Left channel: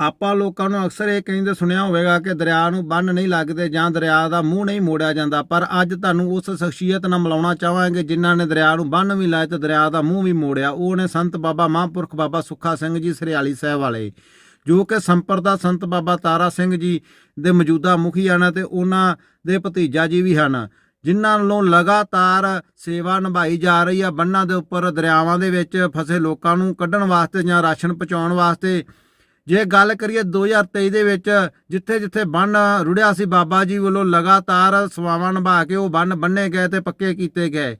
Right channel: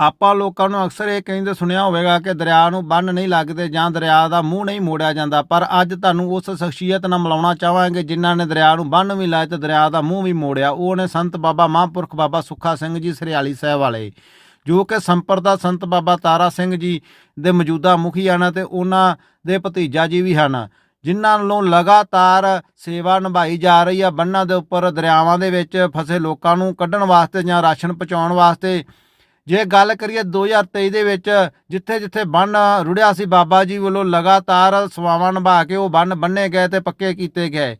ਆਪਾਂ ਲੋਕਾਂ ਨੂੰ ਅਕਸਰ ਇਹ ਕਹਿੰਦੇ ਸੁਣਿਆ ਹੋਵੇਗਾ ਕਿ ਦਰਿਆ ਨੂੰ ਬੰਨ ਨਹੀਂ ਲੱਗਦੇ ਜਾਂ ਦਰਿਆ ਦਾ ਮੂੰਹ ਨਹੀਂ ਮੋੜਿਆ ਜਾਂਦਾ, ਪਰ ਅੱਜ ਤੁਹਾਨੂੰ ਉਸ ਸ਼ਖਸੀਅਤ ਨਾਲ ਮਿਲਾਉਣਾ ਚਾਹਾਂਗੇ ਜਿਨ੍ਹਾਂ ਨੇ ਦਰਿਆ ਨੂੰ ਬੰਨ ਵੀ ਲਾਇਆ ਤੇ ਦਰਿਆ ਦਾ ਮੂੰਹ ਵੀ ਮੋੜਿਆ। ਉਹ ਨੇ ਸੰਤ ਬਾਬਾ ਮਹਾਂਪੁਰਖ ਬਾਬਾ ਸੁੱਖਾ ਸਿੰਘ ਜੀ, ਸਰਿਆਲੀ ਸਾਹਿਬ ਵਾਲੇ, ਜੋ ਕਿ ਸੰਪਰਦਾ ਸੰਤ ਬਾਬਾ ਤਾਰਾ ਸਿੰਘ ਜੀ ਦੇ ਮੌਜੂਦਾ ਮੁਖੀ ਹਨ ਤੇ ਉਹਨਾਂ ਦੇ ਭਤੀਜਾ ਜੀ ਵੀ ਹਨ, ਜਿਨ੍ਹਾਂ ਵੱਲੋਂ ਲਗਾਤਾਰ ਸੇਵਾ ਨਿਭਾਈ ਜਾ ਰਹੀ ਆ। ਬੰਨਾਂ ਦੇ ਉੱਪਰ ਦਰਿਆਵਾਂ ਦੇ ਵਿੱਚ ਫਸੇ ਲੋਕਾਂ ਨੂੰ ਕੱਢਣ ਵਾਸਤੇ ਜਾਂ ਰਾਸ਼ਨ ਪਹੁੰਚਾਉਣ ਵਾਸਤੇ ਜੇ ਗੱਲ ਕਰੀਏ 2023 ਦੇ ਵਿੱਚ, ਜਿੱਥੇ ਜਿੱਥੇ ਬੰਨ ਰੁੜਿਆ ਸੀ, ਬਾਬਾ ਜੀ ਵੱਲੋਂ ਲਗਾਤਾਰ ਸੇਵਾਵਾਂ ਨਿਭਾ ਕੇ ਉਹ ਬੰਨ ਬੰਨੇ ਗਏ ਤੇ ਪੱਕੇ ਕੀਤੇ ਗਏ।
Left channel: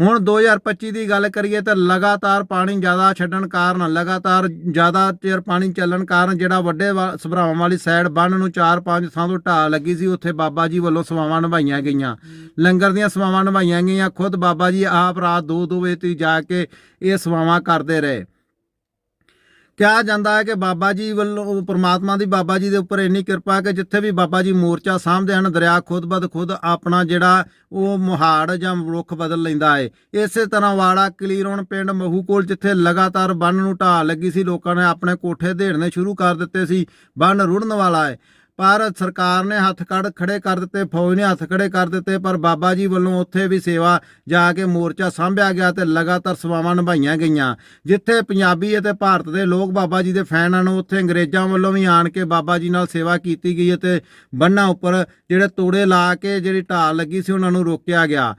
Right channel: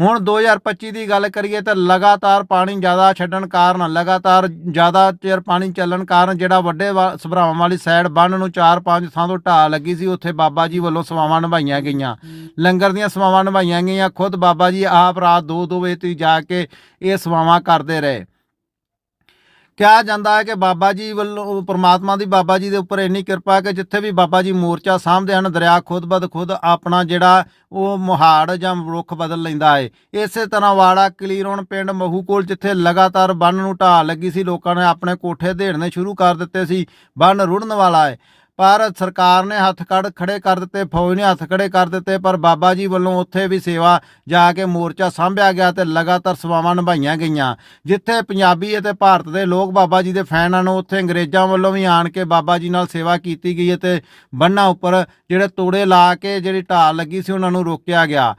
ਹੁਣ 2025 ਦੀ ਗੱਲ ਕਰੀਏ ਤਾਂ ਲਗਾਤਾਰ ਪਾਣੀ ਜ਼ਿਆਦਾ ਛੱਡਣ ਕਾਰਨ, ਲਗਾਤਾਰ ਜ਼ਿਆਦਾ ਚਿਰ ਪਾਣੀ ਚੱਲਣ ਕਾਰਨ ਜਿਹੜਾ ਵੱਡੇ ਵਾ- ਸਭਰਾਵਾਂ ਵਾਲੀ ਸਾਈਡ ਬੰਨ ਨੂੰ 4-5 ਥਾਂ ਤੋਂ ਢਾਹ ਲੱਗੀ ਸੀ, ਉੱਥੇ ਬਾਬਾ ਜੀ ਵੱਲੋਂ ਸੇਵਾਵਾਂ ਨਿਭਾਈਆਂ ਗਈਆਂ। ਲੰਗਰ ਦੀਆਂ ਸੇਵਾਵਾਂ ਨਿਭਾਈਆਂ ਗਈਆਂ, ਖੁਦ ਬਾਬਾ ਜੀ ਆਪ ਰਾਤ 2-2 ਵਜੇ ਤੱਕ ਜਾ ਕੇ ਇਹ ਸੇਵਾਵਾਂ ਕਰਦੇ ਰਹੇ। ਕਿਹਾ ਜਾਂਦਾ ਹੈ ਕਿ ਬਾਬਾ ਜੀ ਵੱਲੋਂ ਪ੍ਰਮਾਤਮਾ ਦੀ ਬਾਬਾ ਜੀ ਦੇ ਉੱਪਰ ਇੰਨੀ ਕਿਰਪਾ ਕਿ ਜਿੱਥੇ ਵੀ ਬਾਬਾ ਜੀ ਮੋਰਚਾ ਸਾਹਮਣੇ ਹਨ, ਦਰਿਆ ਖੁਦ ਬਦ ਖੁਦ ਆਪਣਾ ਜਿਹੜਾ ਉਹ ਮੁਹਾੜ ਜਾਂ ਰੁੱਖ ਬਦਲ ਲੈਂਦਾ ਹੈ। ਇਸੇ ਤਰ੍ਹਾਂ ਵਾੜਾ, ਕਲੀਰੋਣ ਪਿੰਡ ਮਹੂ ਕੋਲ ਜਿੱਥੇ ਲਗਾਤਾਰ ਬੰਨ ਨੂੰ ਢਾਹ ਲੱਗੀ ਸੀ, ਲੋਕਾਂ ਨੇ ਆਪਣੇ ਕੋਠੇ ਢੇੜਨੇ ਸ਼ੁਰੂ ਕਰ ਦਿੱਤੇ ਸੀ, ਬੰਨ ਰੁੜਨ ਵਾਲਾ ਹੈ। ਪਰ ਸਰਕਾਰ ਨੇ ਹੱਥ ਕੱਢ ਖੜੇ ਕਰ ਦਿੱਤੇ, ਫੌਜ ਨੇ ਹੱਥ ਖੜੇ ਕਰ ਦਿੱਤੇ, ਪਰ ਬਾਬਾ ਜੀ ਵੱਲੋਂ ਉੱਥੇ ਵੀ ਸੇਵਾ ਜਾ ਕੇ ਮੋਰਚਾ ਸਾਂਭਿਆ ਗਿਆ ਤੇ ਲਗਾਤਾਰ ਸੇਵਾਵਾਂ ਨਿਭਾਈਆਂ ਗਈਆਂ। ਜਿੱਥੇ ਪੰਜਾਬੀ ਅਤੇ ਭਾਰਤ ਦੇ ਲੋਕ ਬਾਬਾ ਜੀ ਦੇ ਫੈਨ ਹਨ, ਉੱਥੇ ਅੰਗਰੇਜ਼ਾਂ ਵੱਲੋਂ ਵੀ ਆਣ ਕੇ ਬਾਬਾ ਜੀ ਨਾਲ ਸੇਵਾ ਕੀਤੀ ਗਈ ਹੈ ਤੇ ਬੰਨਾਂ ਉੱਪਰ ਜਿਹੜੇ ਤੋੜੇ ਲਾ ਕੇ ਜਿਹੜੀ ਢਾਲ ਲੱਗੀ ਸੀ, ਉਹਨਾਂ ਨੂੰ ਰੋਕਿਆ ਗਿਆ।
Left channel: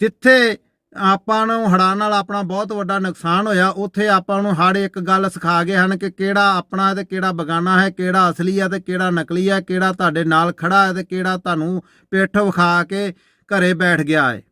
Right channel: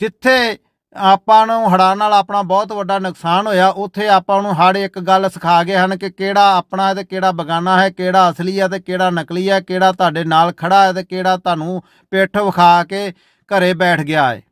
ਜਿੱਥੇ ਆਪਾਂ ਨੂੰ ਹੜ੍ਹਾਂ ਨਾਲ ਆਪਣਾ ਬਹੁਤ ਵੱਡਾ ਨੁਕਸਾਨ ਹੋਇਆ। ਉੱਥੇ ਆਪਾਂ ਨੂੰ ਹੜ ਇੱਕ ਗੱਲ ਸਿਖਾ ਗਏ ਹਨ ਕਿ ਕਿਹੜਾ ਆਪਣਾ ਹੈ ਤੇ ਕਿਹੜਾ ਬਗਾਨਾ ਹੈ, ਕਿਹੜਾ ਅਸਲੀ ਹੈ ਤੇ ਕਿਹੜਾ ਨਕਲੀ ਹੈ, ਕਿਹੜਾ ਤੁਹਾਡੇ ਨਾਲ ਖੜਾ ਹੈ ਤੇ ਕਿਹੜਾ ਤੁਹਾਨੂੰ ਪਿੱਠ ਵਿਖਾ ਕੇ ਘਰੇ ਬੈਠ ਗਿਆ ਹੈ।